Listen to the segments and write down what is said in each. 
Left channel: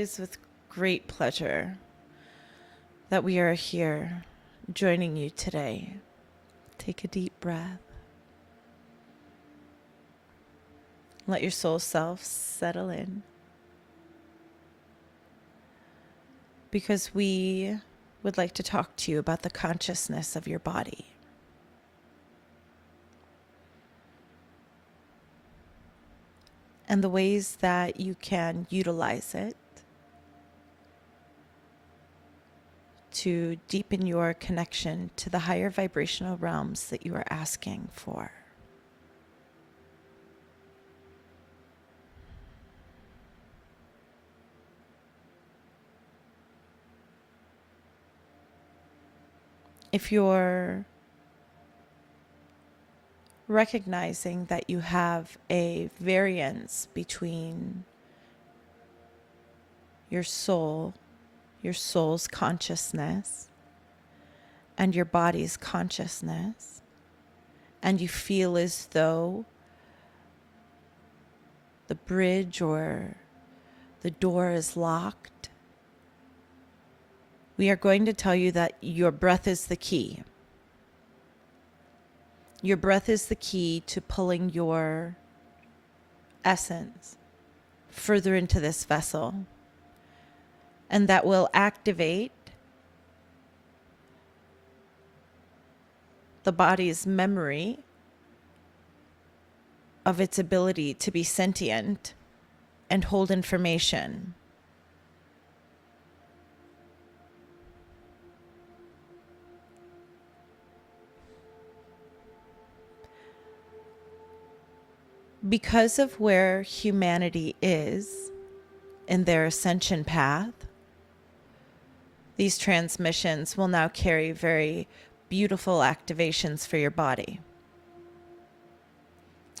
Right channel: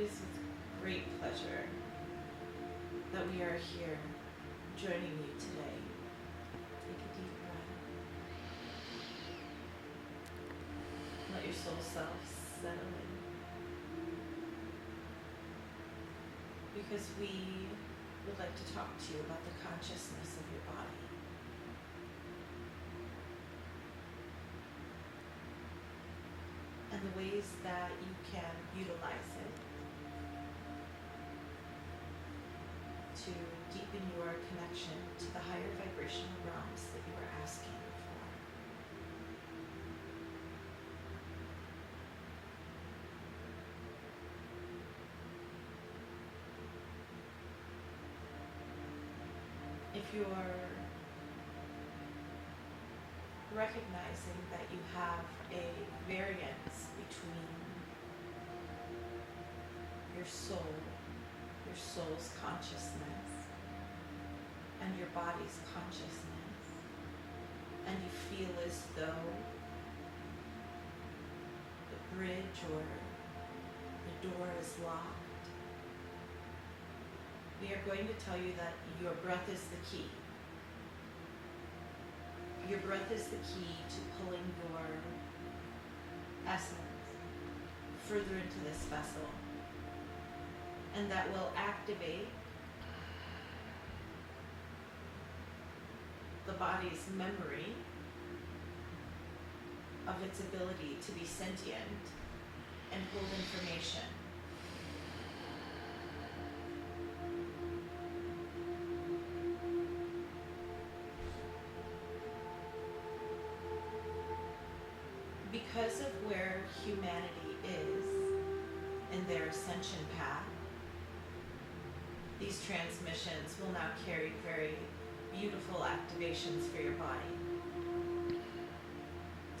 is with great pleasure that we are here joining you today. Take a deep breath. Let your soul self settle in. Because we would like to talk to you about the consciousness of your body. And the ways that you can utilize it to deepen your connection to the higher vibrational realms that you are asking for. If you're recognizing that you have a variance between your soul, your soul's consciousness, and your body's consciousness, and you feel as though the bridge or the door is locked, we are going to tell you that your breath is the key. Your breath is the key to pulling your essence further into this vessel. And that will activate the body's memory of its ability to be sentient and hold information. Because of where humanity is in their ascension path, these transmissions will now carry very beautiful activations for your body.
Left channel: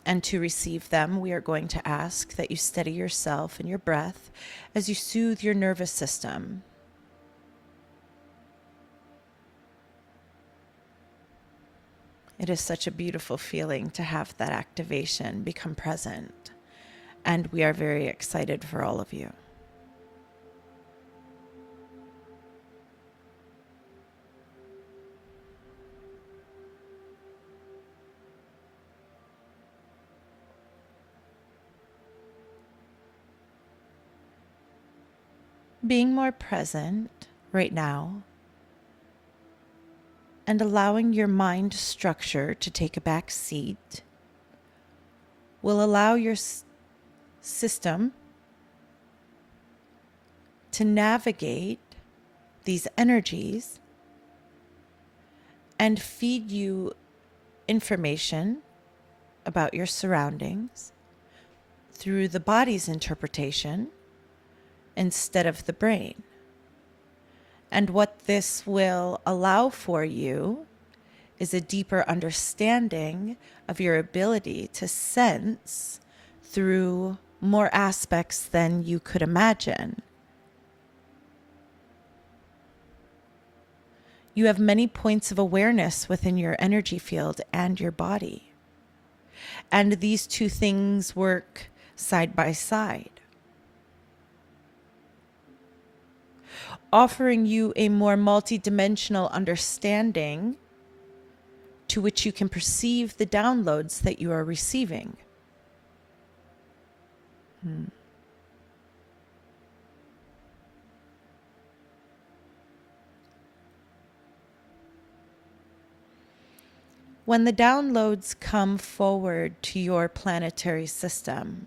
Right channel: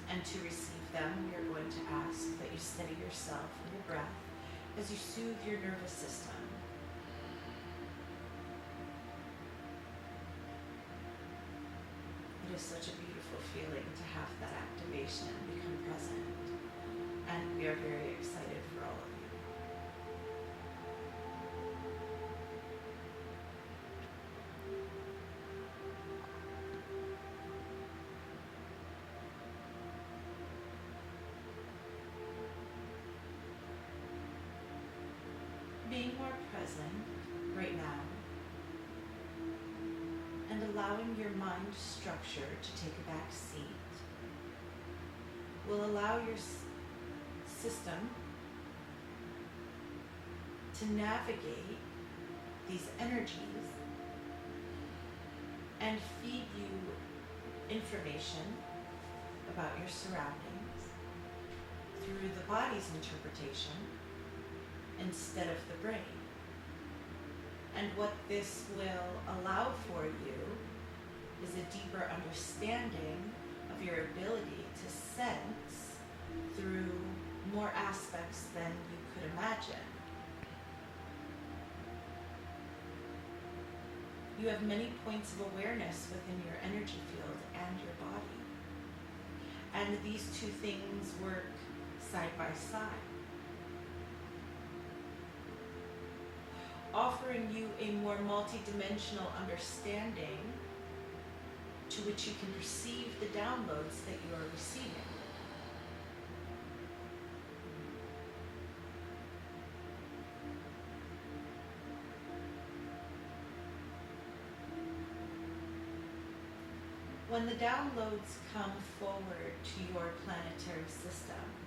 And to receive them, we are going to ask that you steady yourself and your breath as you soothe your nervous system. It is such a beautiful feeling to have that activation become present, and we are very excited for all of you. Being more present right now and allowing your mind structure to take a back seat will allow your system to navigate these energies and feed you information about your surroundings through the body's interpretation instead of the brain. And what this will allow for you is a deeper understanding of your ability to sense through more aspects than you could imagine. You have many points of awareness within your energy field and your body. And these two things work side by side, offering you a more multidimensional understanding to which you can perceive the downloads that you are receiving. When the downloads come forward to your planetary system,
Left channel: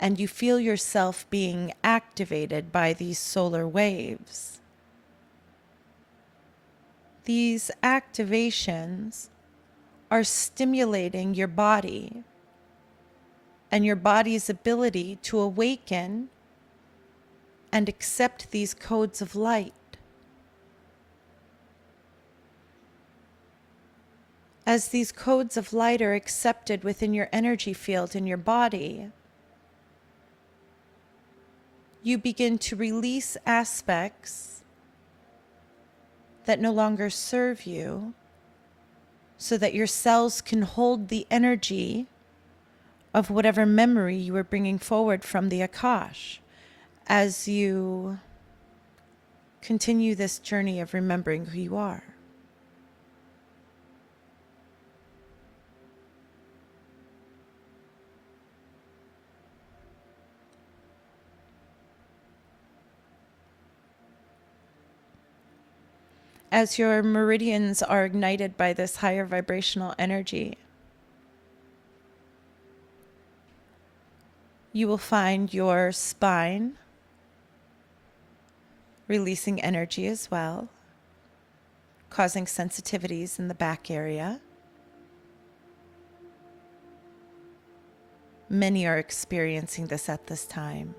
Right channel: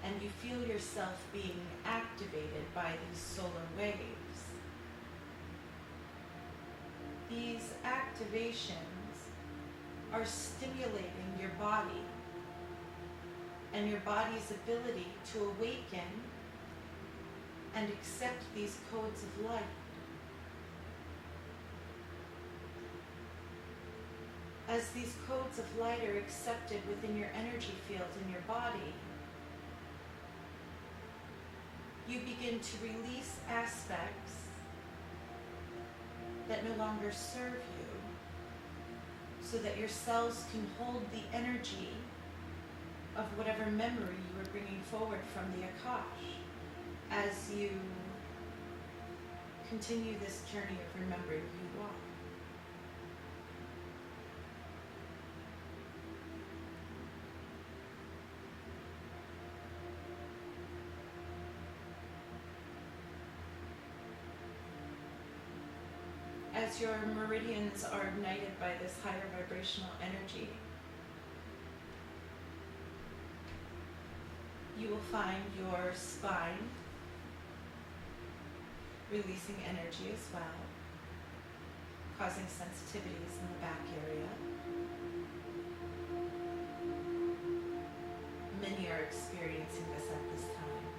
and you feel yourself being activated by these solar waves, these activations are stimulating your body and your body's ability to awaken and accept these codes of light. As these codes of light are accepted within your energy field in your body, you begin to release aspects that no longer serve you so that your cells can hold the energy of whatever memory you are bringing forward from the Akash. as you continue this journey of remembering who you are. As your meridians are ignited by this higher vibrational energy, you will find your spine releasing energy as well, causing sensitivities in the back area. Many are experiencing this at this time.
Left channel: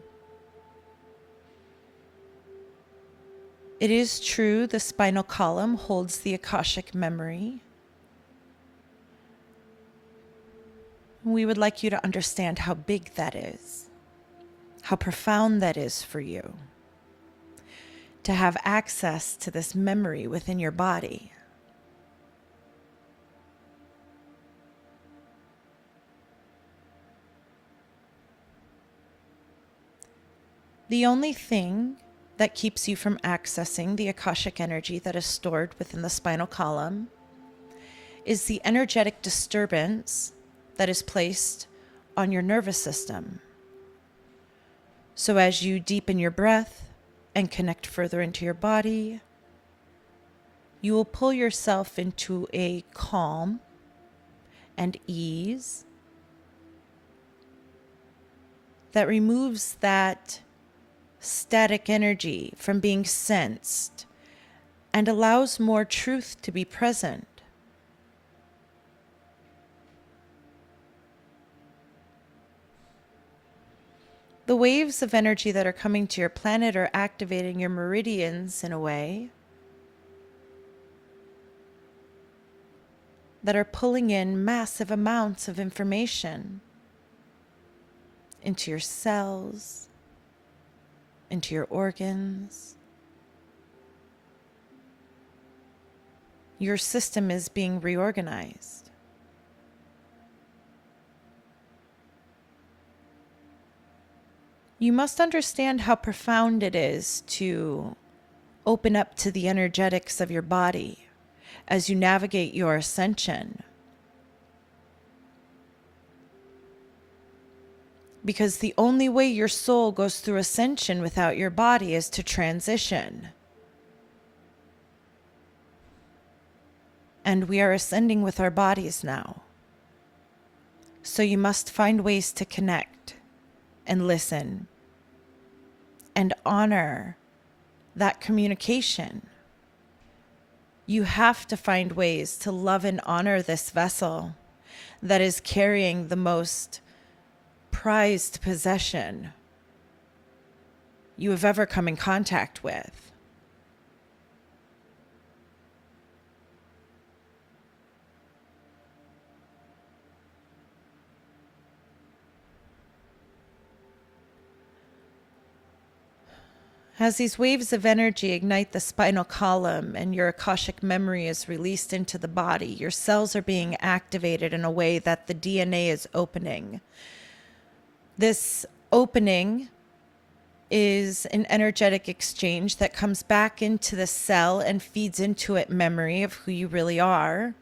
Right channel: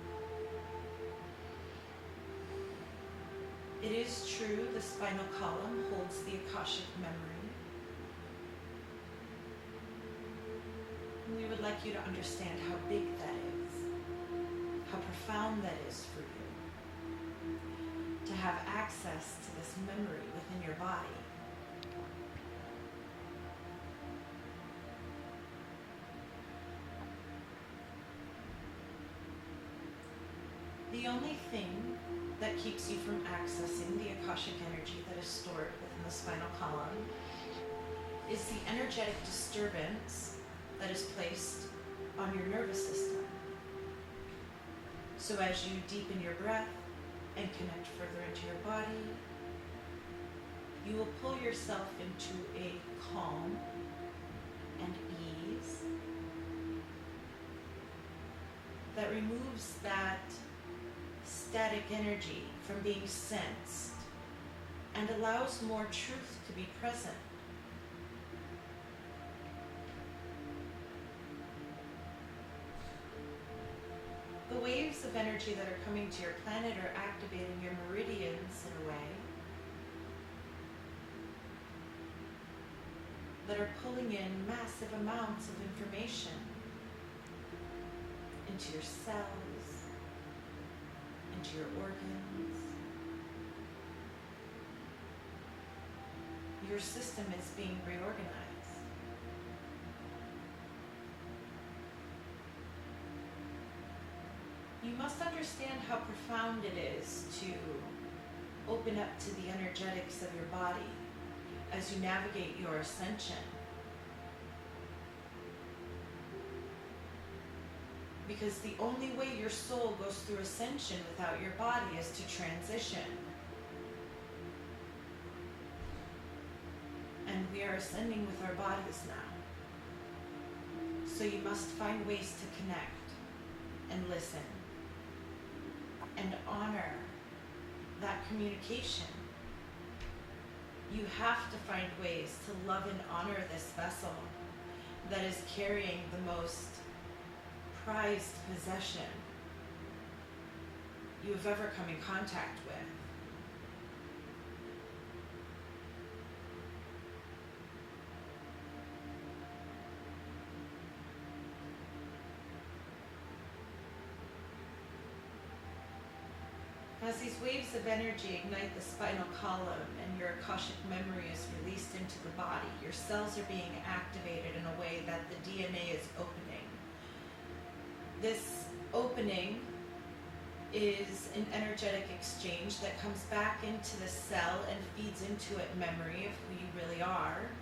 It is true the spinal column holds the Akashic memory. We would like you to understand how big that is, how profound that is for you, to have access to this memory within your body. The only thing that keeps you from accessing the Akashic energy that is stored within the spinal column is the energetic disturbance that is placed on your nervous system. So as you deepen your breath and connect further into your body, you will pull yourself into a calm and ease that removes that static energy from being sensed and allows more truth to be present. The waves of energy that are coming to your planet are activating your meridians in a way that are pulling in massive amounts of information into your cells, into your organs. Your system is being reorganized. You must understand how profound it is to open up to the energetics of your body as you navigate your ascension. Because the only way your soul goes through ascension without your body is to transition. And we are ascending with our bodies now. So you must find ways to connect and listen and honor that communication. You have to find ways to love and honor this vessel that is carrying the most prized possession you have ever come in contact with. As these waves of energy ignite the spinal column and your Akashic memory is released into the body, your cells are being activated in a way that the DNA is opening. This opening is an energetic exchange that comes back into the cell and feeds into it memory of who you really are,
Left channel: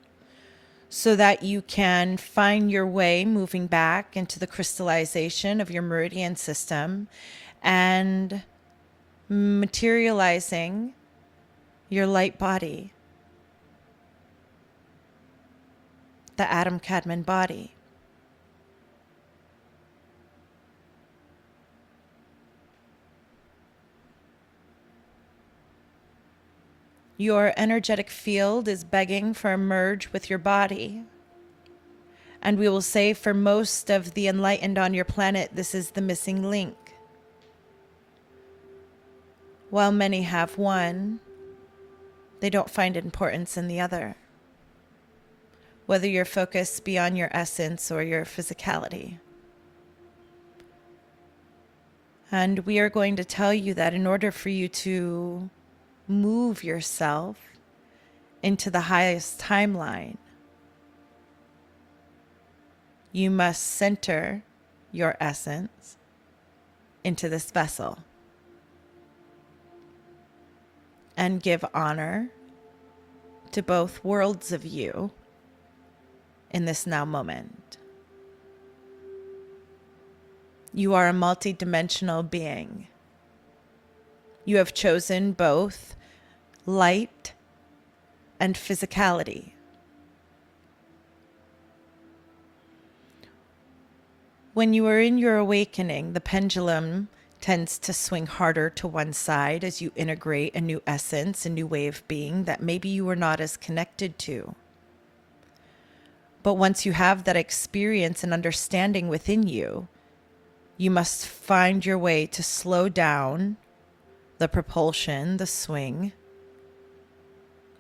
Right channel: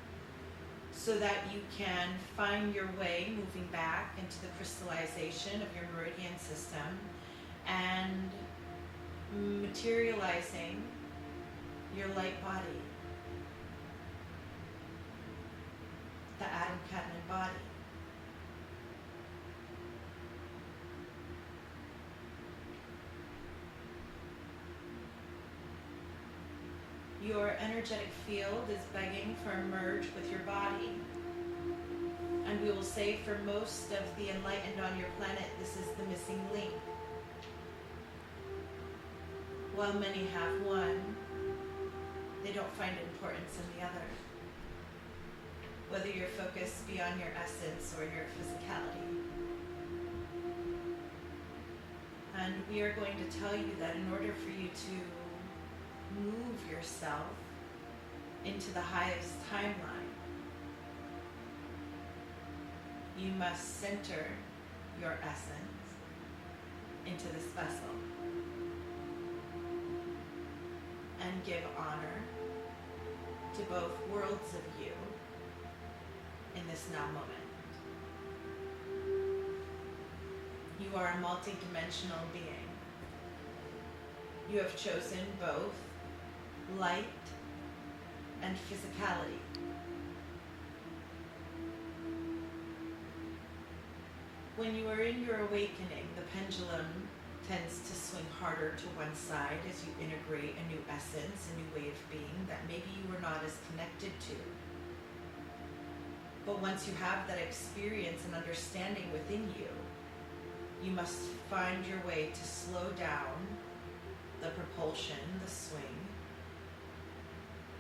so that you can find your way moving back into the crystallization of your meridian system and materializing your light body, the Adam Kadmon body. Your energetic field is begging for a merge with your body. And we will say for most of the enlightened on your planet, this is the missing link. While many have one, they don't find importance in the other. Whether your focus be on your essence or your physicality. And we are going to tell you that in order for you to move yourself into the highest timeline, you must center your essence into this vessel. and give honor to both worlds of you in this now moment. You are a multidimensional being. You have chosen both light and physicality. When you are in your awakening, the pendulum tends to swing harder to one side as you integrate a new essence, a new way of being that maybe you were not as connected to. But once you have that experience and understanding within you, you must find your way to slow down the propulsion, the swing,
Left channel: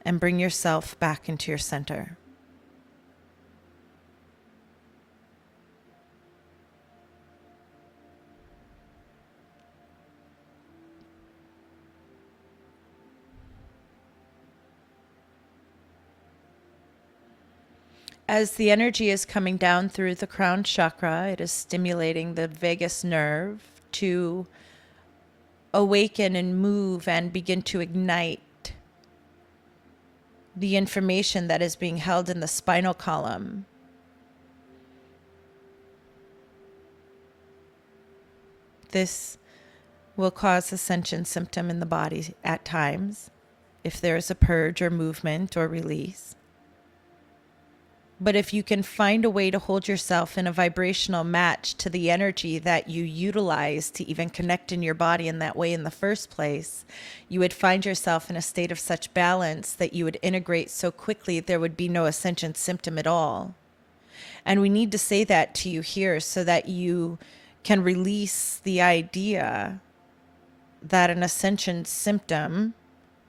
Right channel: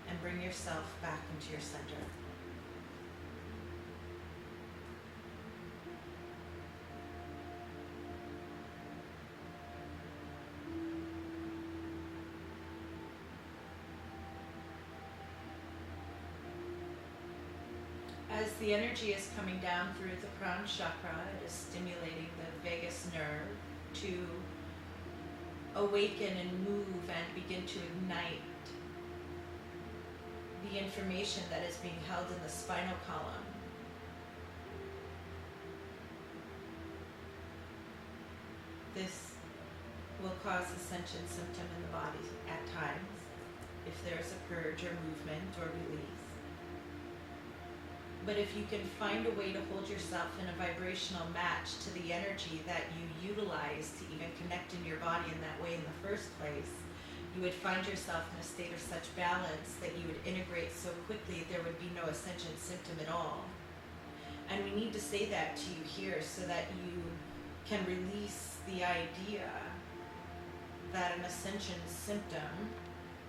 and bring yourself back into your center. As the energy is coming down through the crown chakra, it is stimulating the vagus nerve to awaken and move and begin to ignite the information that is being held in the spinal column. This will cause ascension symptom in the body at times if there is a purge or movement or release. But if you can find a way to hold yourself in a vibrational match to the energy that you utilize to even connect in your body in that way in the first place, you would find yourself in a state of such balance that you would integrate so quickly there would be no ascension symptom at all. And we need to say that to you here so that you can release the idea that an ascension symptom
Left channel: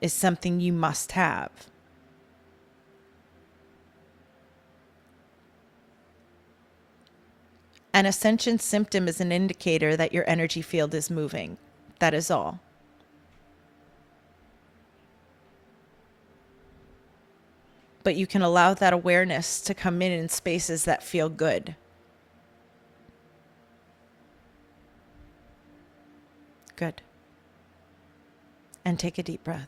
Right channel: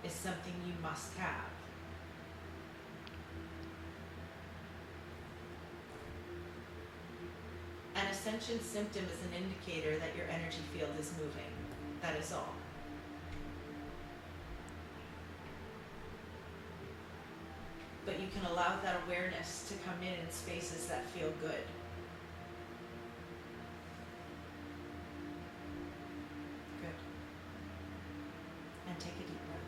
is something you must have. An ascension symptom is an indicator that your energy field is moving. That is all. But you can allow that awareness to come in spaces that feel good. Good. And take a deep breath.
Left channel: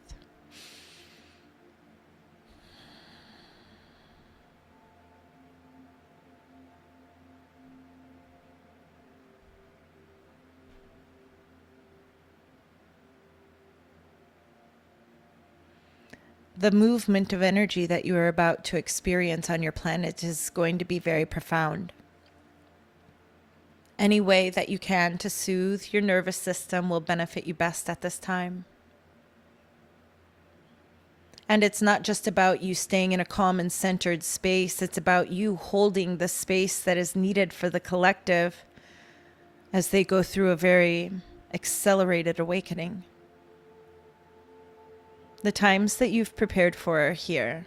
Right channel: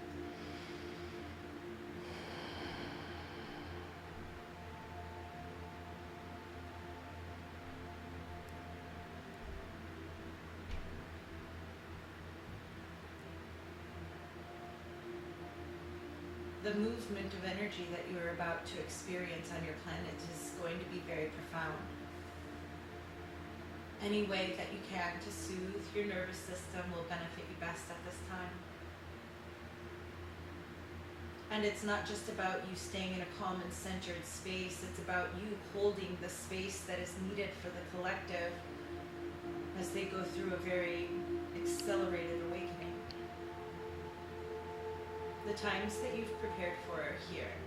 The movement of energy that you are about to experience on your planet is going to be very profound. Any way that you can to soothe your nervous system will benefit you best at this time. And it's not just about you staying in a calm and centered space. It's about you holding the space that is needed for the collective as they go through a very accelerated awakening. The times that you've prepared for are here.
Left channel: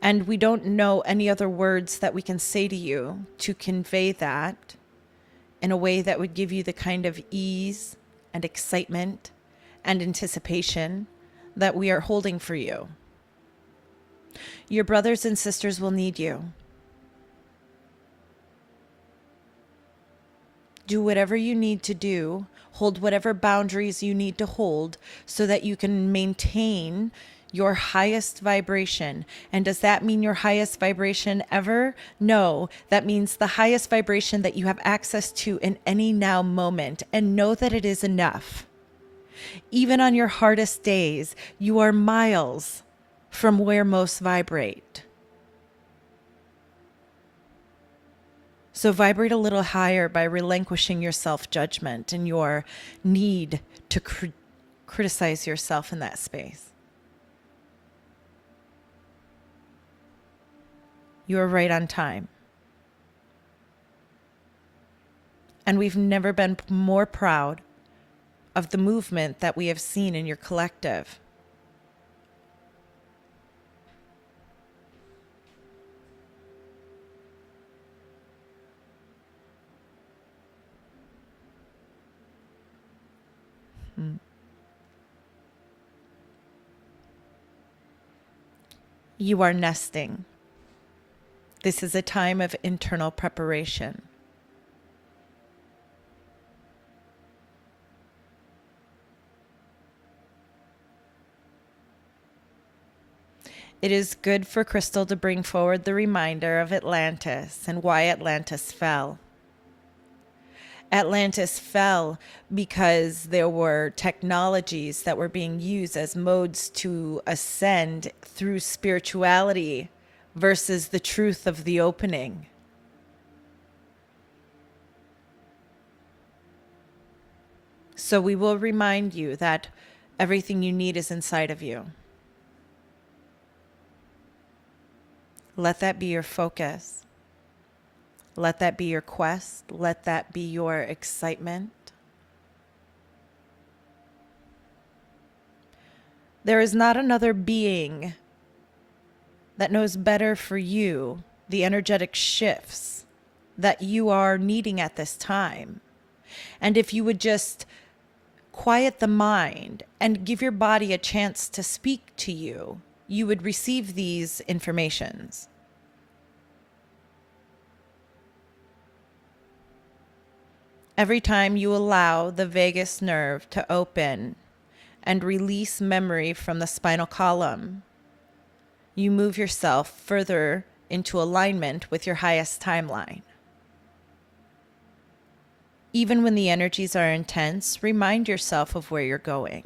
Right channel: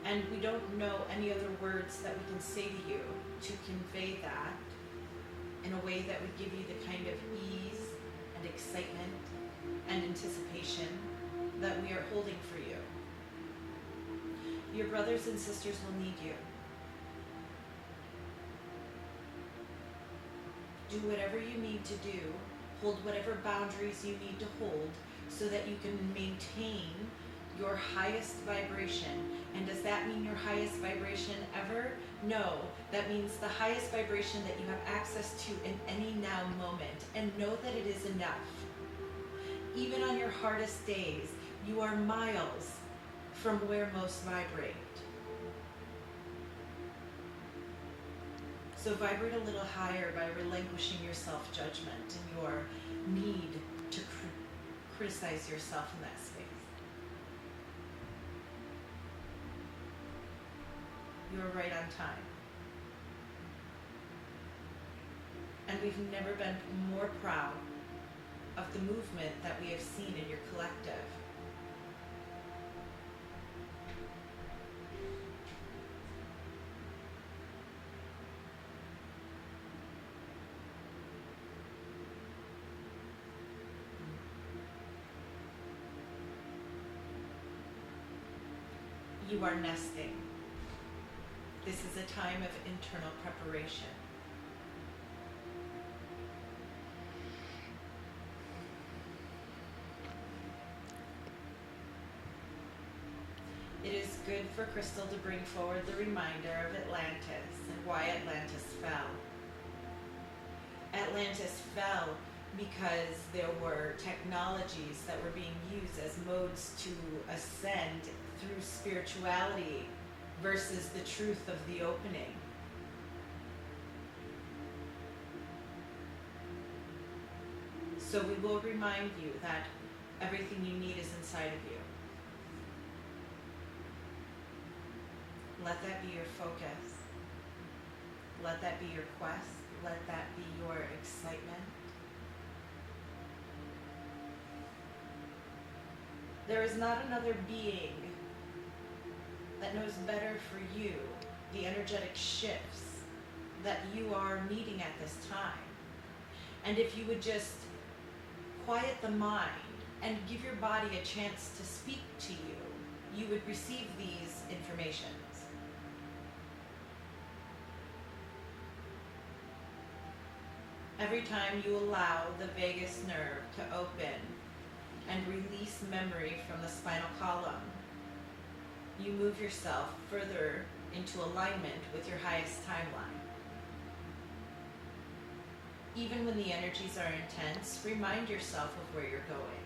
And we don't know any other words that we can say to you to convey that in a way that would give you the kind of ease and excitement and anticipation that we are holding for you. Your brothers and sisters will need you. Do whatever you need to do. Hold whatever boundaries you need to hold so that you can maintain your highest vibration. And does that mean your highest vibration ever? No, that means the highest vibration that you have access to in any now moment. And know that it is enough. Even on your hardest days, you are miles from where most vibrate. So vibrate a little higher by relinquishing your self-judgment and your need to criticize yourself in that space. You are right on time. And we've never been more proud of the movement that we have seen in your collective. You are nesting. This is a time of internal preparation. It is good for Crystal to bring forward the reminder of Atlantis and why Atlantis fell. Atlantis fell because there were technologies that were being used as modes to ascend through spirituality versus the truth of the opening. So we will remind you that everything you need is inside of you. Let that be your focus. Let that be your quest. Let that be your excitement. There is not another being that knows better for you the energetic shifts that you are needing at this time. And if you would just quiet the mind and give your body a chance to speak to you, you would receive these informations. Every time you allow the vagus nerve to open and release memory from the spinal column, you move yourself further into alignment with your highest timeline. Even when the energies are intense, remind yourself of where you're going.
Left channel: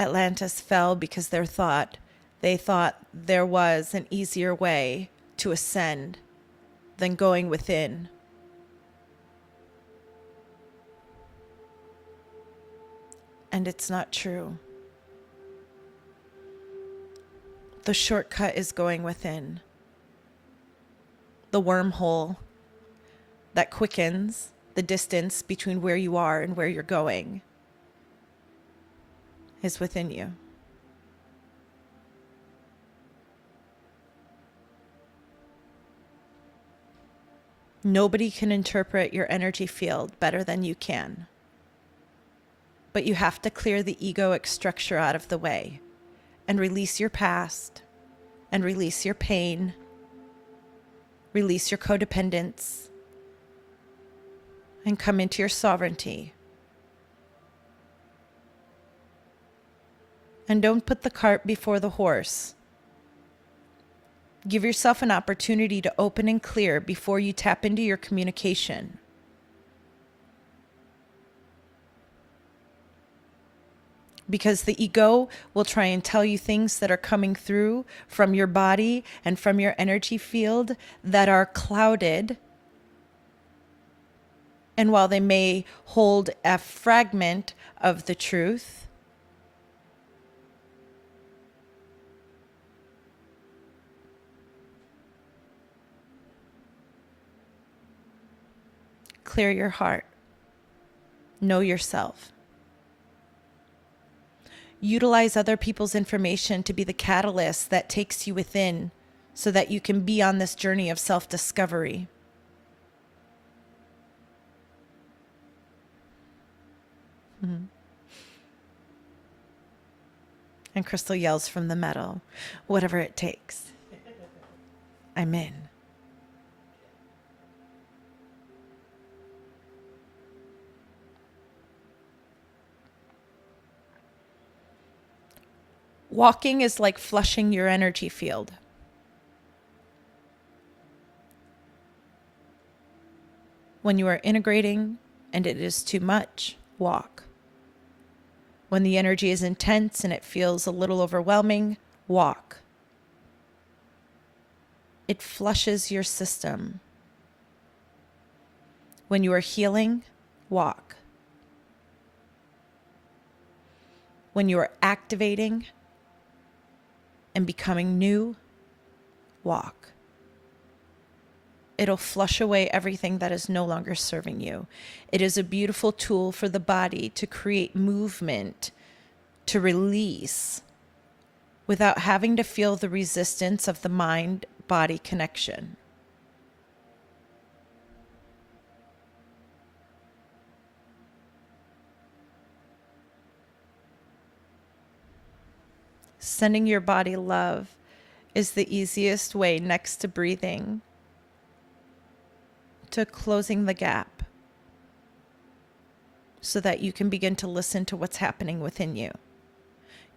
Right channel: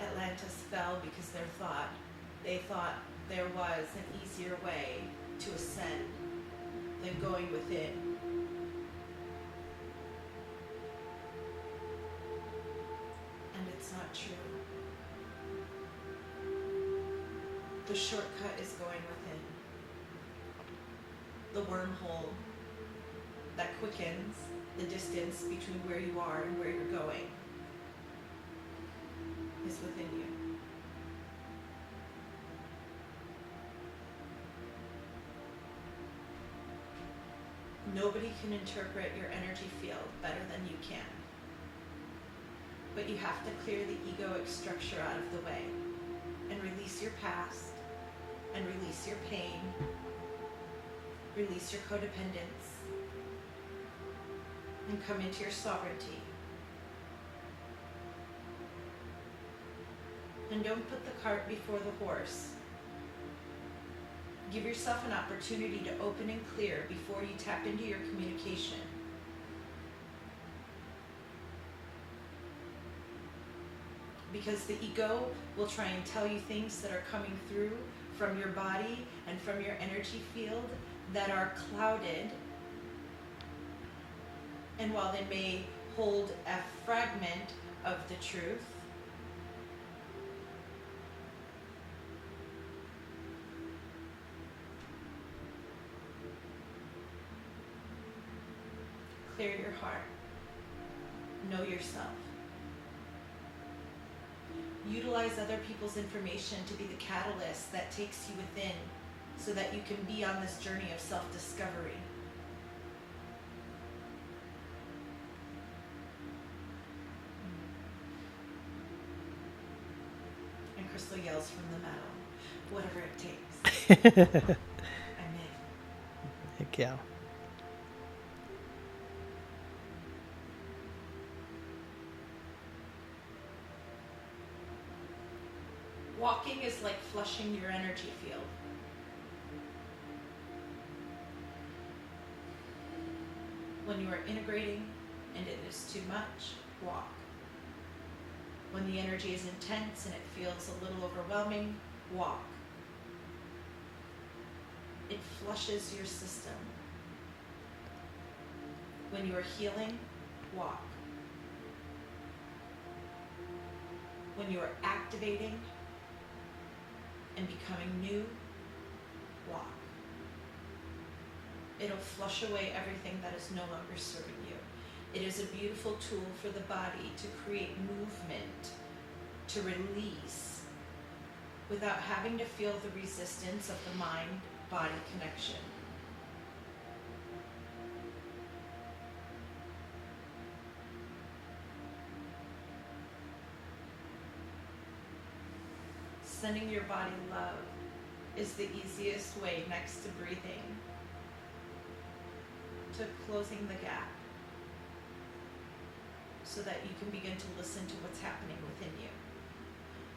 Atlantis fell because they thought there was an easier way to ascend than going within. And it's not true. The shortcut is going within. The wormhole that quickens the distance between where you are and where you're going is within you. Nobody can interpret your energy field better than you can. But you have to clear the egoic structure out of the way and release your past and release your pain, release your codependence, and come into your sovereignty. And don't put the cart before the horse. Give yourself an opportunity to open and clear before you tap into your communication. Because the ego will try and tell you things that are coming through from your body and from your energy field that are clouded. And while they may hold a fragment of the truth, clear your heart. Know yourself. Utilize other people's information to be the catalyst that takes you within so that you can be on this journey of self-discovery. And Crystal yells from the metal, whatever it takes. I'm in. Heck yeah. Walking is like flushing your energy field. When you are integrating and it is too much, walk. When the energy is intense and it feels a little overwhelming, walk. It flushes your system. When you are healing, walk. When you are activating and becoming new, walk. It'll flush away everything that is no longer serving you. It is a beautiful tool for the body to create movement, to release, without having to feel the resistance of the mind-body connection. Sending your body love is the easiest way, next to breathing, to closing the gap so that you can begin to listen to what's happening within you.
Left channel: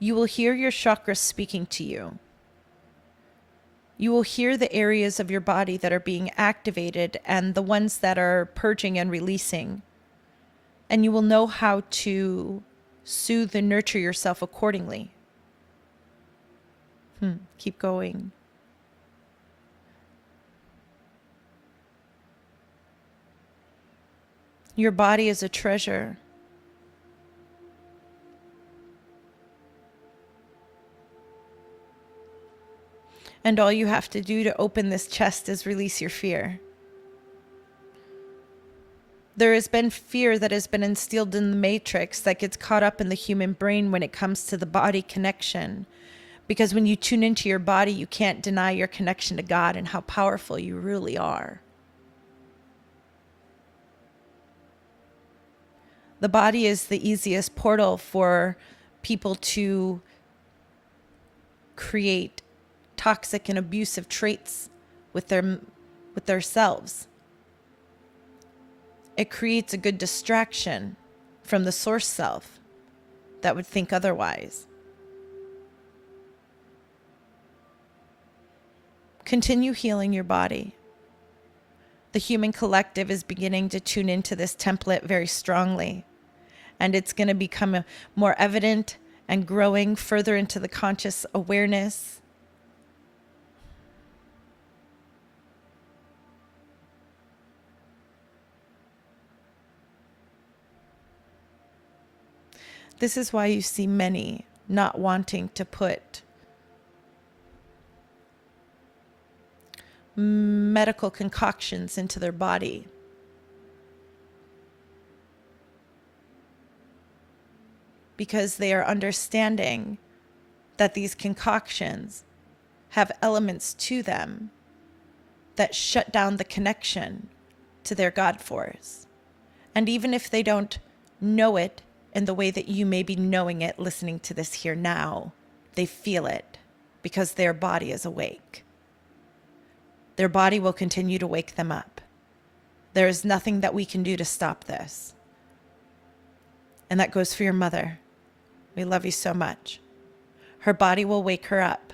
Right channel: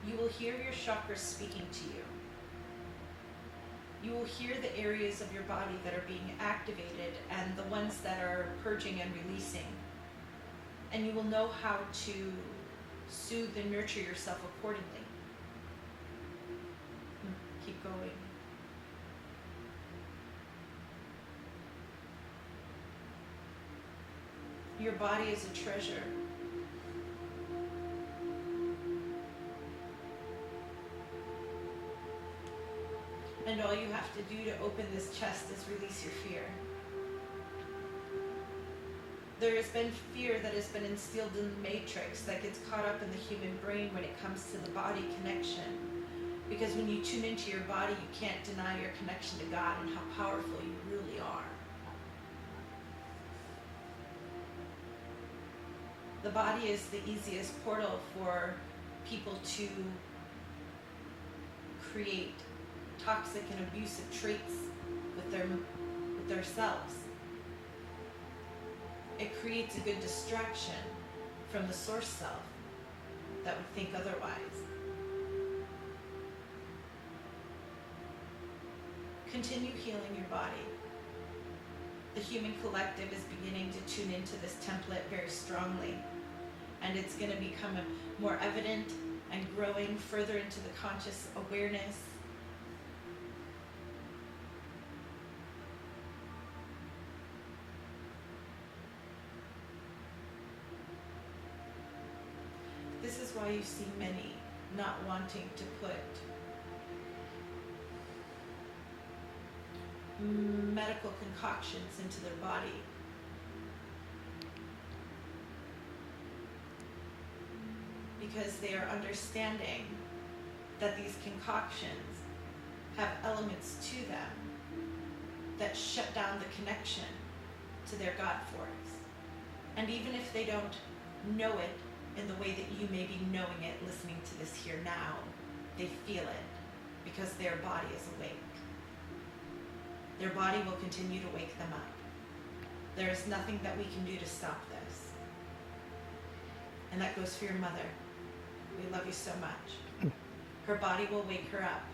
You will hear your chakras speaking to you. You will hear the areas of your body that are being activated and the ones that are purging and releasing. And you will know how to soothe and nurture yourself accordingly. Keep going. Your body is a treasure. And all you have to do to open this chest is release your fear. There has been fear that has been instilled in the matrix that gets caught up in the human brain when it comes to the body connection. Because when you tune into your body, you can't deny your connection to God and how powerful you really are. The body is the easiest portal for people to create toxic and abusive traits with their selves. It creates a good distraction from the source self that would think otherwise. Continue healing your body. The human collective is beginning to tune into this template very strongly, and it's going to become more evident and growing further into the conscious awareness. This is why you see many not wanting to put medical concoctions into their body. Because they are understanding that these concoctions have elements to them that shut down the connection to their God force. And even if they don't know it in the way that you may be knowing it, listening to this here now, they feel it because their body is awake. Their body will continue to wake them up. There is nothing that we can do to stop this. And that goes for your mother. We love you so much. Her body will wake her up.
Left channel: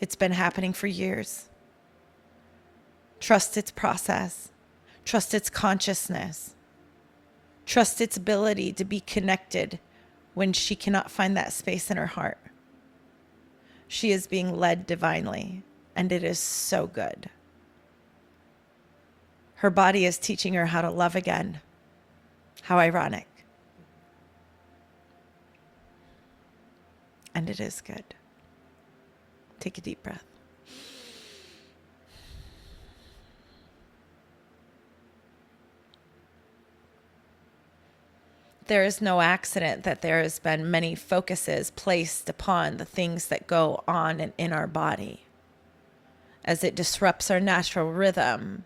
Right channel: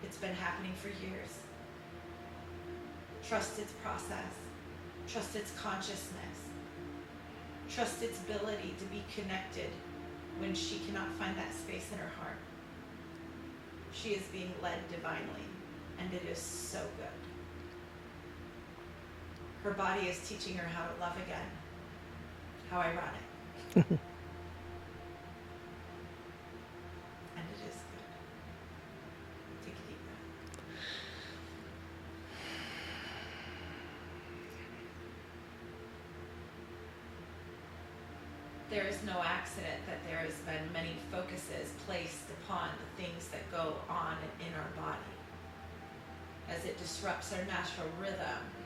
It's been happening for years. Trust its process. Trust its consciousness. Trust its ability to be connected when she cannot find that space in her heart. She is being led divinely, and it is so good. Her body is teaching her how to love again. How ironic. And it is good. Take a deep breath. There is no accident that there has been many focuses placed upon the things that go on and in our body, as it disrupts our natural rhythm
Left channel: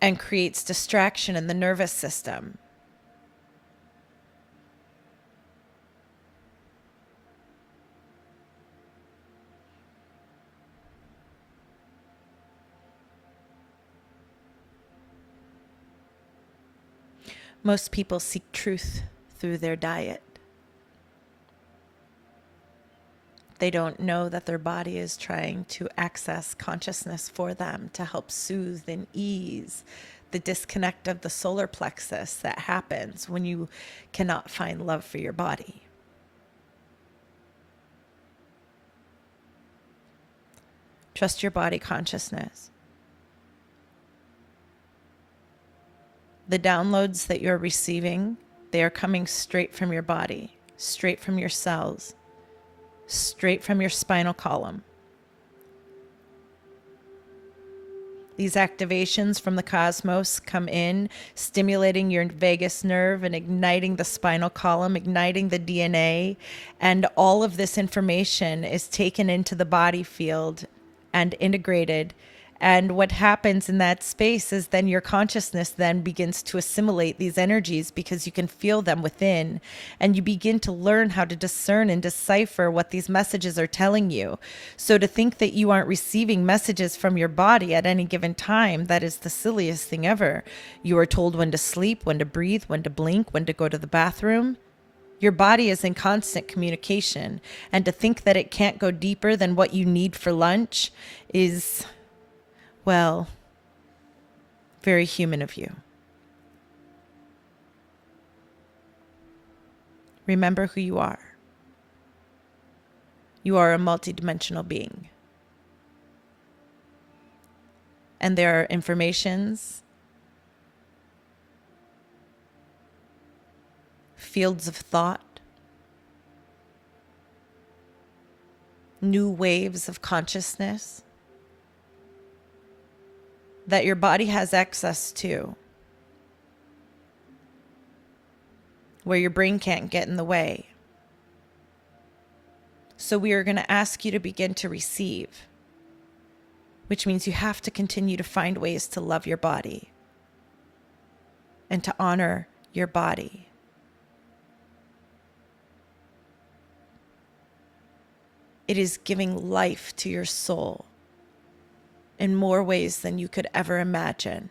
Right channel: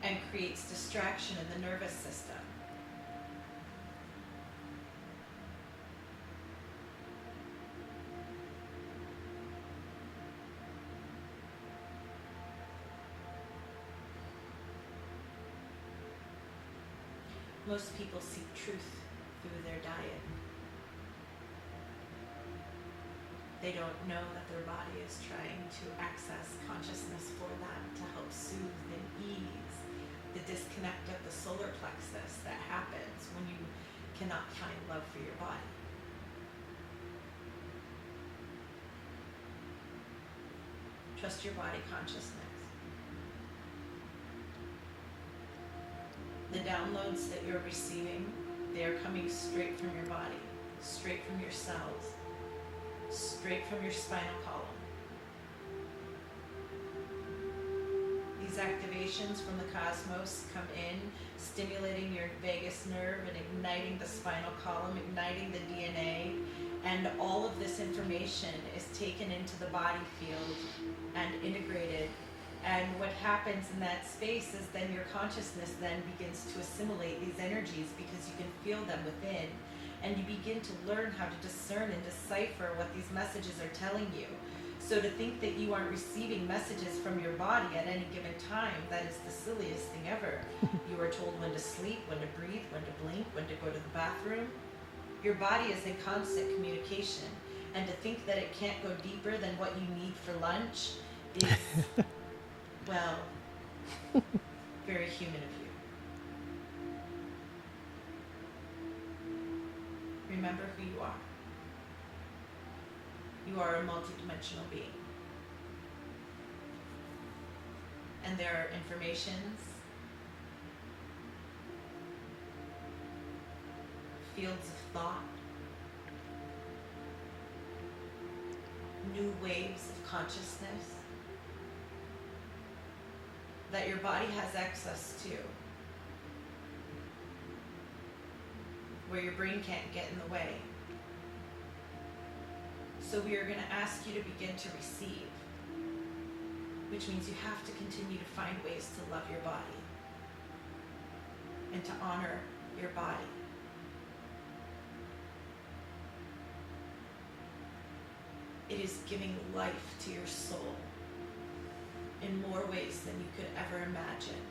and creates distraction in the nervous system. Most people seek truth through their diet. They don't know that their body is trying to access consciousness for them to help soothe and ease the disconnect of the solar plexus that happens when you cannot find love for your body. Trust your body consciousness. The downloads that you're receiving, they are coming straight from your body, straight from your cells, straight from your spinal column. These activations from the cosmos come in, stimulating your vagus nerve and igniting the spinal column, igniting the DNA, and all of this information is taken into the body field and integrated And what happens in that space is then your consciousness then begins to assimilate these energies because you can feel them within, and you begin to learn how to discern and decipher what these messages are telling you. So to think that you aren't receiving messages from your body at any given time, that is the silliest thing ever. You are told when to sleep, when to breathe, when to blink, when to go to the bathroom. Your body is in constant communication, and to think that it can't go deeper than what you need for lunch is... well, very human of you. Remember who you are. You are a multidimensional being. And there are informations, fields of thought, new waves of consciousness that your body has access to, where your brain can't get in the way. So we are going to ask you to begin to receive, which means you have to continue to find ways to love your body and to honor your body. It is giving life to your soul in more ways than you could ever imagine.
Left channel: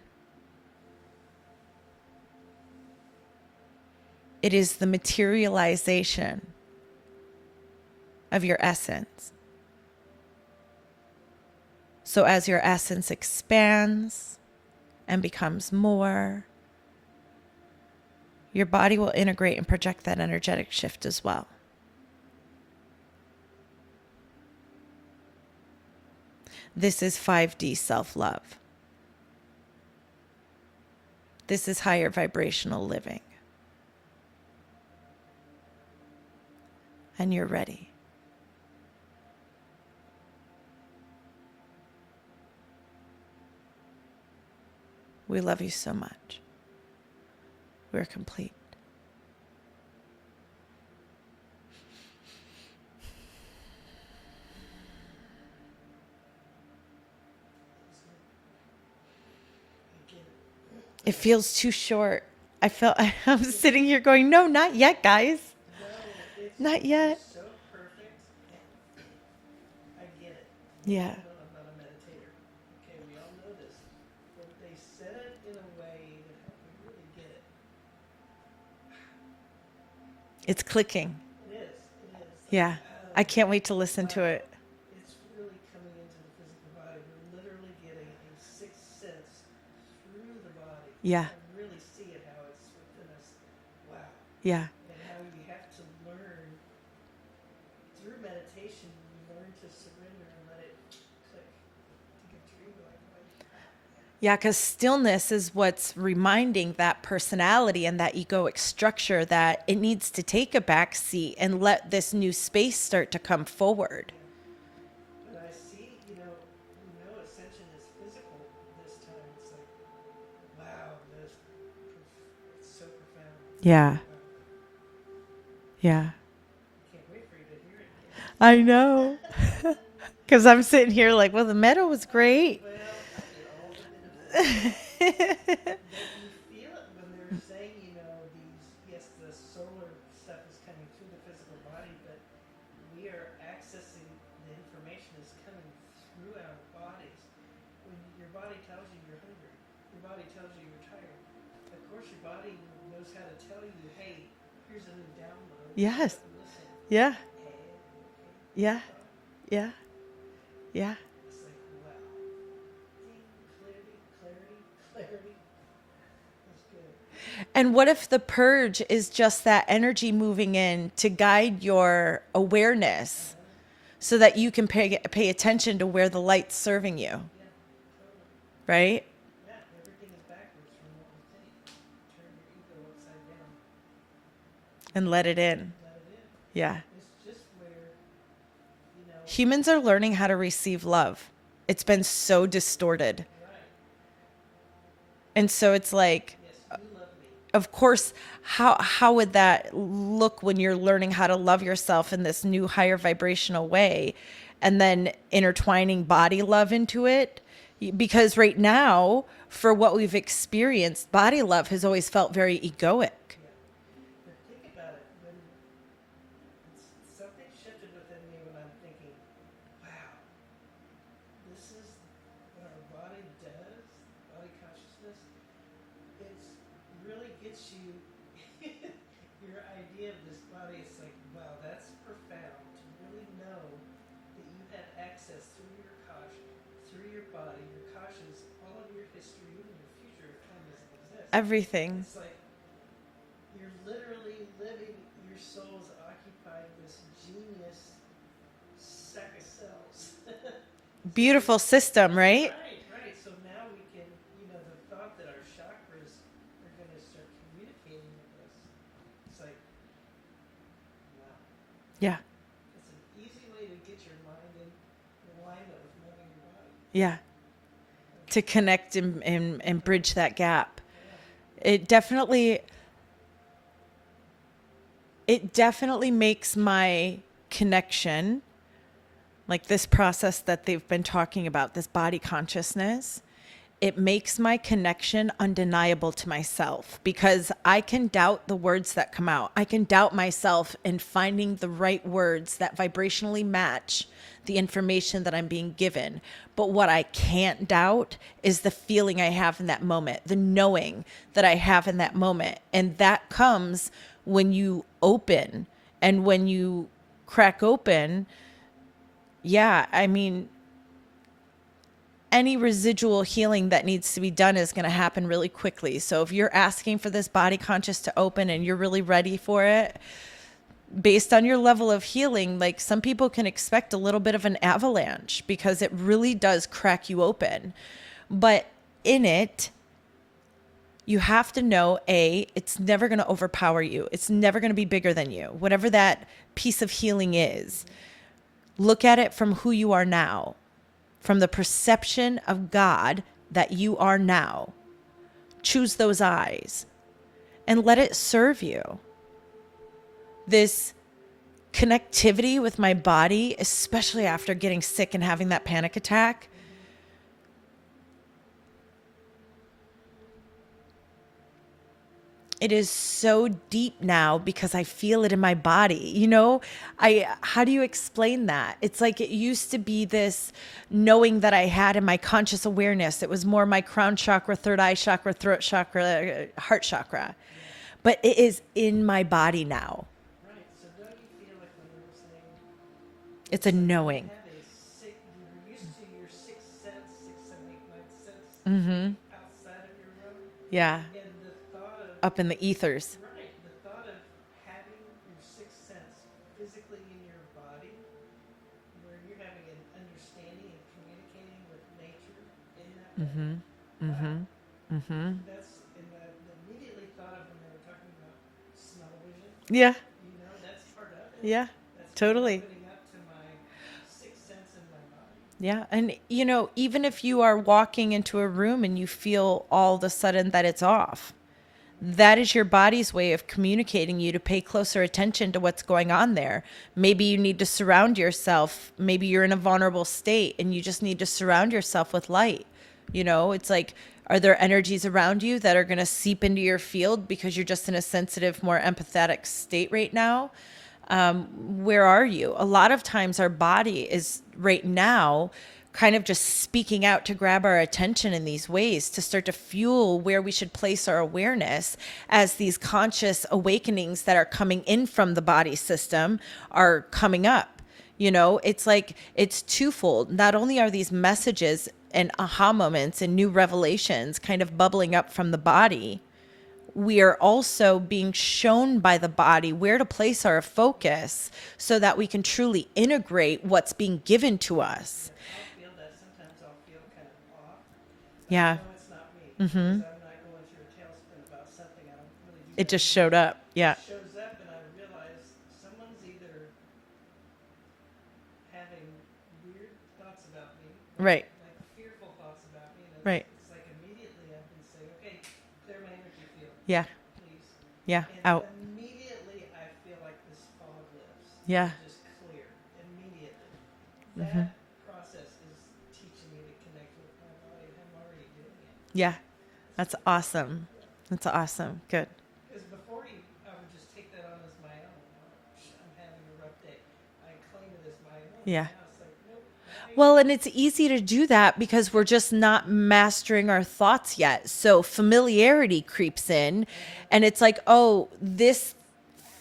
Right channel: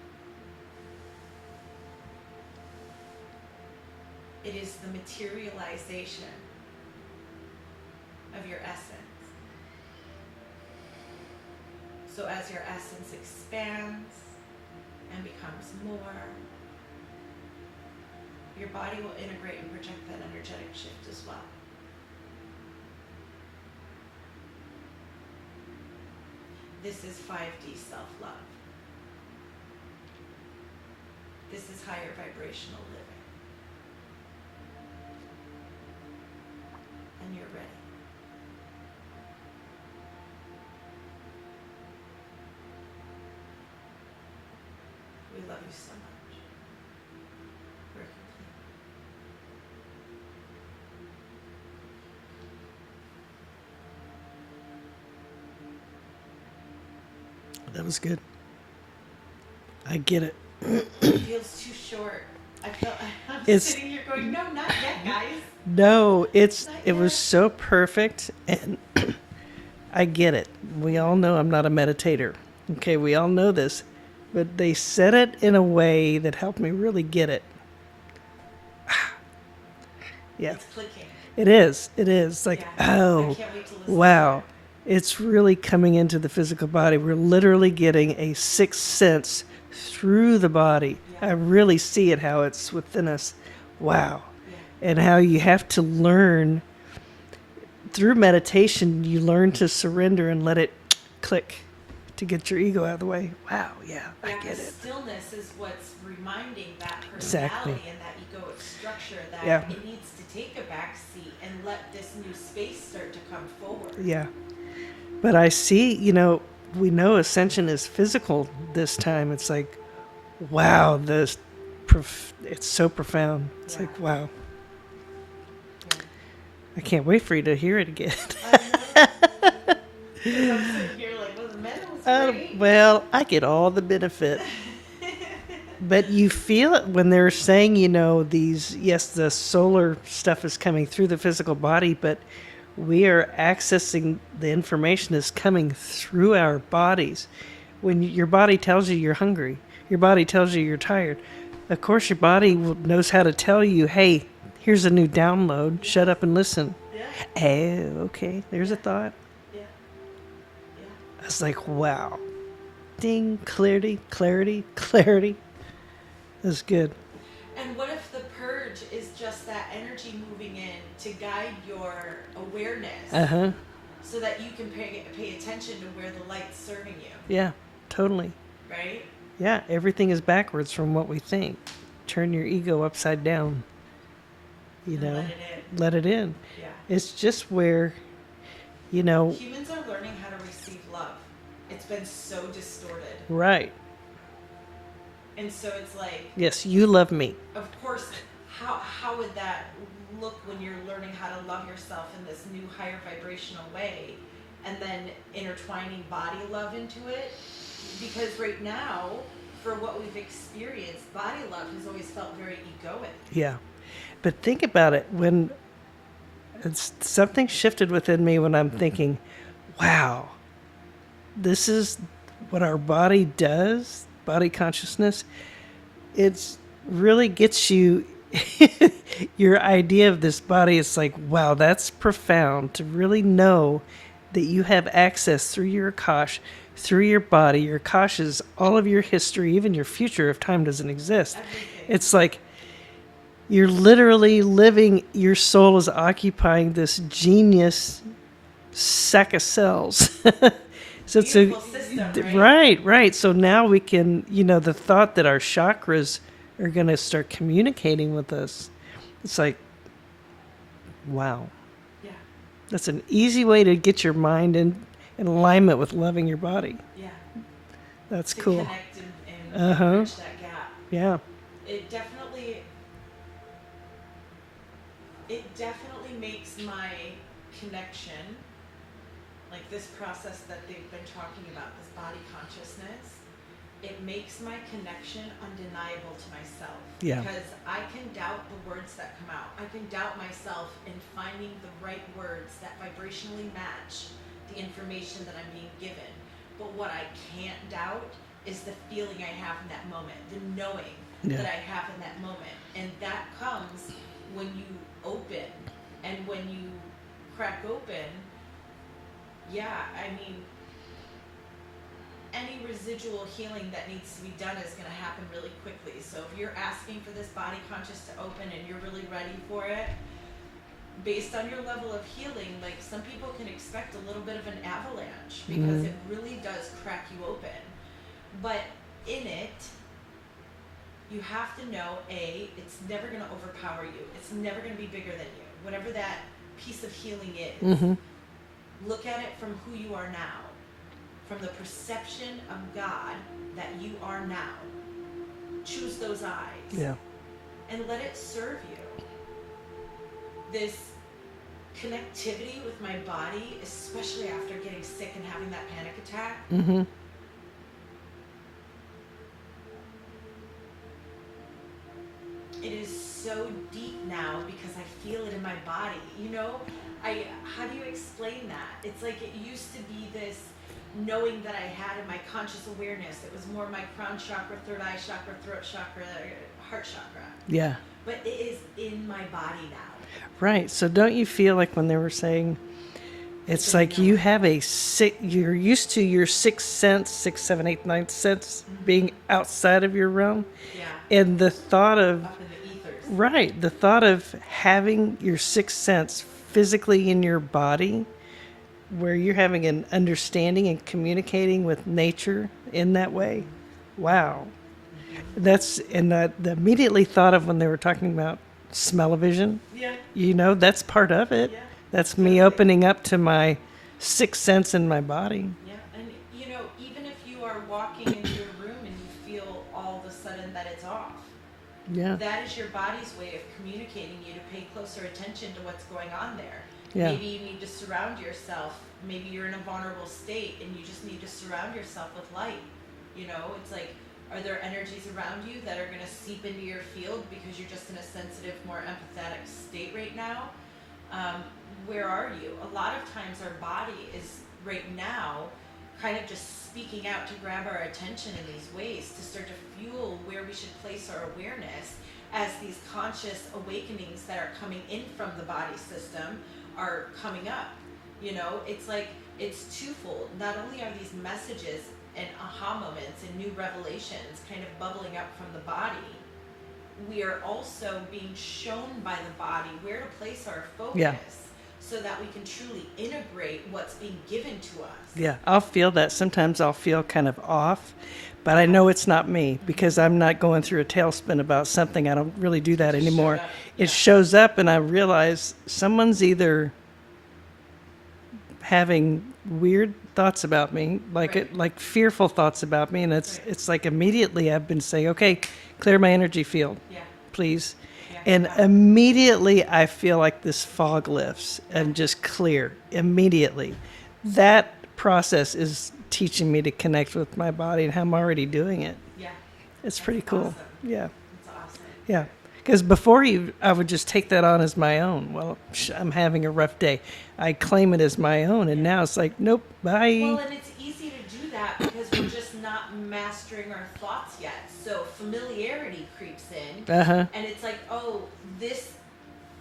It is the materialization of your essence. So as your essence expands and becomes more, your body will integrate and project that energetic shift as well. This is 5D self-love. This is higher vibrational living. And you're ready. We love you so much. We're complete. That was good. I get it. It feels too short. I'm It's- sitting here going, no, not yet, guys. No, Not it yet. was so perfect, and I get it. We Yeah. all know I'm not a meditator. Okay, we all know this, but they said it in a way that helped me really get it. Yeah, It's clicking. it is. It is like, Yeah. oh, I can't wait to listen wow. to it. It's really coming into the physical body. We're literally getting a sixth sense through the body. Yeah. I really see it, how it's within us. Wow. Yeah. And how you have to learn through meditation, you learn to surrender and let it click to get your ego out of the way. Wow. Yeah. Yeah, because stillness is what's reminding that personality and that egoic structure that Yeah. it needs to take a back seat and let this new space start to come forward. Yeah. But I see, we know Ascension is physical this time. It's like, wow, it's so profound. It's Yeah. like, wow. Yeah. I can't wait for you to hear it again. I know. Because I'm sitting here like, well, the meta was great. Oh, well, I get all the benefit. But you feel it when they're saying, the solar stuff is coming through the physical body, but we are accessing the information is coming through our bodies. When your body tells you you're hungry, your body tells you you're tired, of course your body knows how to tell you, hey, here's a new download. Yes. Shut up and listen. Yeah. Oh, okay. There's Yeah. a thought. Yeah. Yeah. I was like, wow. Ding, clarity, clarity, clarity. That's good. And what if the purge is just that energy moving in to guide your awareness Uh-huh. so that you can pay attention to where the light's serving you, Yeah, totally. right? Yeah, everything is backwards from what we think. Turn your ego upside down. And let it in. Let it in. Yeah. It's just where, Humans are learning how to receive love. It's been so distorted. right. And so it's like, Yes, you love me. of course, how would that look when you're learning how to love yourself in this new higher vibrational way and then intertwining body love into it? Because right now, for what we've experienced, body love has always felt very egoic. Yeah. But think about it when something shifted within me when I'm thinking, wow, this is what our body does, body consciousness. It's really gets you your idea of this body. It's like, wow, that's profound to really know that you have access through your Akash, through your body. Your Akash is all of your history, even your future if time doesn't exist. Everything. It's like you're literally living, your soul is occupying this genius sack of cells. So Beautiful system, right? Right, right. So now we can, the thought that our chakras are going to start communicating with us. It's like, wow. Yeah. That's an easy way to get your mind in alignment with loving your body. Yeah. That's to cool. connect and bridge that gap. Yeah. It definitely makes my connection, like this process that they've been talking about, this body consciousness, it makes my connection undeniable to myself, because I can doubt the words that come out. I can doubt myself in finding the right words that vibrationally match the information that I'm being given. But what I can't doubt is the feeling I have in that moment, the knowing that I have in that moment. And that comes when you open, and when you crack open, I mean, any residual healing that needs to be done is going to happen really quickly. So if you're asking for this body conscious to open and you're really ready for it, based on your level of healing, like some people can expect a little bit of an avalanche, because it really does crack you open. But in it, you have to know, it's never going to overpower you. It's never going to be bigger than you. Whatever that piece of healing is, look at it from who you are now, from the perception of God that you are now. Choose those eyes and let it serve you. This connectivity with my body, especially after getting sick and having that panic attack, it is so deep now because I feel it in my body. How do you explain that? It's like it used to be this knowing that I had in my conscious awareness. It was more my crown chakra, third eye chakra, throat chakra, heart chakra. Yeah. But it is in my body now. Right. So don't you feel like when they were saying, it's like knowing. You have you're used to your sixth sense, 6, 7, 8, 9 sense being outside of your realm. Yeah. And the thought of... up in the ethers. Right. The thought of having your sixth sense physically in your body, where you're having an understanding and communicating with nature in that way. Wow. That's, and the immediately thought of when they were talking about smell-o-vision. Yeah. That's part of it. Yeah. That's totally. Me opening up to my sixth sense in my body. Yeah. And, even if you are walking into a room and you feel all of a sudden that it's off, that is your body's way of communicating you to pay closer attention to what's going on there. Maybe you need to surround yourself. Maybe you're in a vulnerable state and you just need to surround yourself with light. It's like, are there energies around you that are going to seep into your field because you're just in a sensitive, more empathetic state right now? Where are you? A lot of times our body is right now kind of just speaking out to grab our attention in these ways to start to fuel where we should place our awareness as these conscious awakenings that are coming in from the body system are coming up. It's like, it's twofold. Not only are these messages and aha moments and new revelations kind of bubbling up from the body, we are also being shown by the body where to place our focus so that we can truly integrate what's being given to us. Yeah, I'll feel that. Sometimes I'll feel kind of off, but I know it's not me because I'm not going through a tailspin about something. I don't really do that it just anymore. Showed up. Yeah. It shows up and I realize someone's either having weird thoughts about me, like fearful thoughts about me, and it's like immediately I've been saying, okay, clear my energy field, please, and immediately I feel like this fog lifts and just clear immediately. That process is teaching me to connect with my body and how I'm already doing it. Yeah. It's That's pretty cool. awesome. Yeah. That's awesome. Yeah. Because before I would just take that on as my own. Well, I'm having a rough day. I claim it as my own. Yeah. And now it's like, nope, bye. Well, and it's easy to do that because we're just not mastering our thoughts yet. So familiarity creeps in. And it's like, oh, this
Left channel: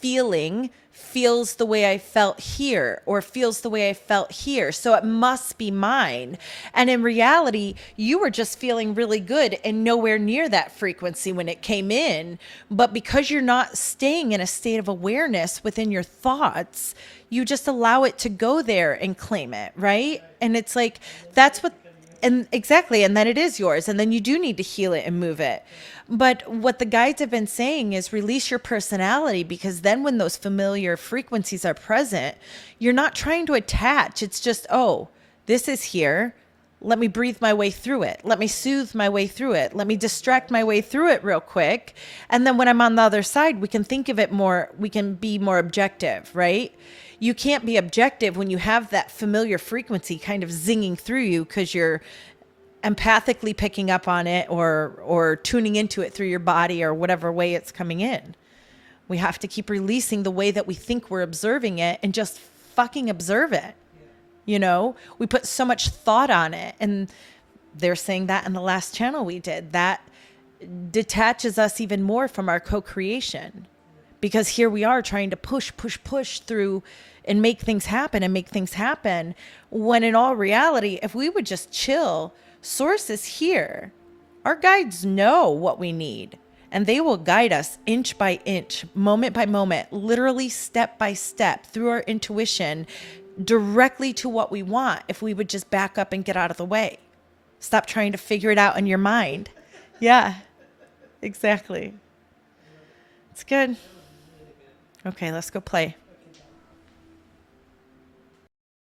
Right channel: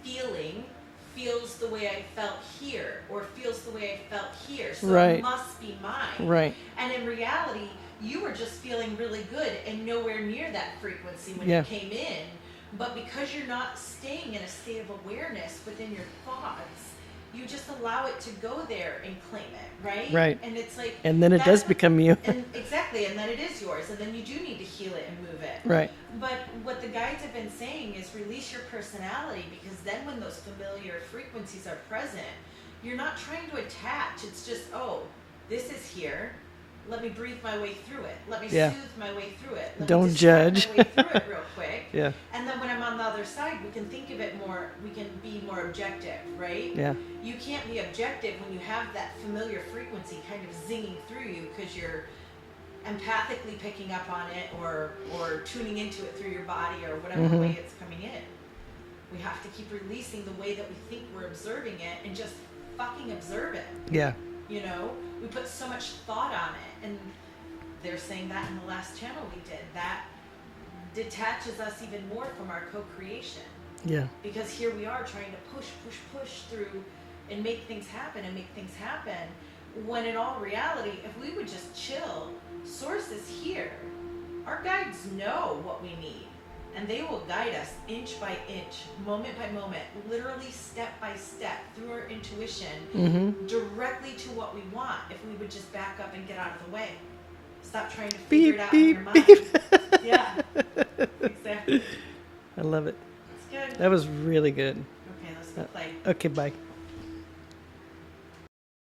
feeling feels the way I felt here or feels the way I felt here. So Right. it must be mine. Right. And in reality, you were just feeling really good and nowhere near that frequency when Yeah. it came in. But because you're not staying in a state of awareness within your thoughts, you just allow it to go there and claim it, right? Right. And it's like, And then it that's does what- become you. And exactly. And then it is yours. And then you do need to heal it and move it. Right. But what the guides have been saying is release your personality, because then when those familiar frequencies are present, you're not trying to attach. It's just, oh, this is here. Let me breathe my way through it. Let me Yeah. soothe my way through it. Let me Don't distract my judge. way through it real quick. Yeah. And then when I'm on the other side, we can think of it more, we can be more objective, right? Yeah. You can't be objective when you have that familiar frequency kind of zinging through you because you're empathically picking up on it or tuning into it through your body or whatever way it's coming in. We have to keep releasing the way that we think we're observing it and just fucking observe it. Yeah. You know, we put so much thought on it, and they're saying that in the last channel we did, that detaches us even more from our co-creation, Yeah. because here we are trying to push through and make things happen, when in all reality, if we would just chill, source is here. Our guides know what we need, and they will guide us inch by inch, moment by moment, literally step by step through our intuition, directly to what we want, if we would just back up and get out of the way. Stop trying to figure it out in your mind. Yeah, exactly. I love it. It's good. That was really good. Okay, let's go play. Okay, bye.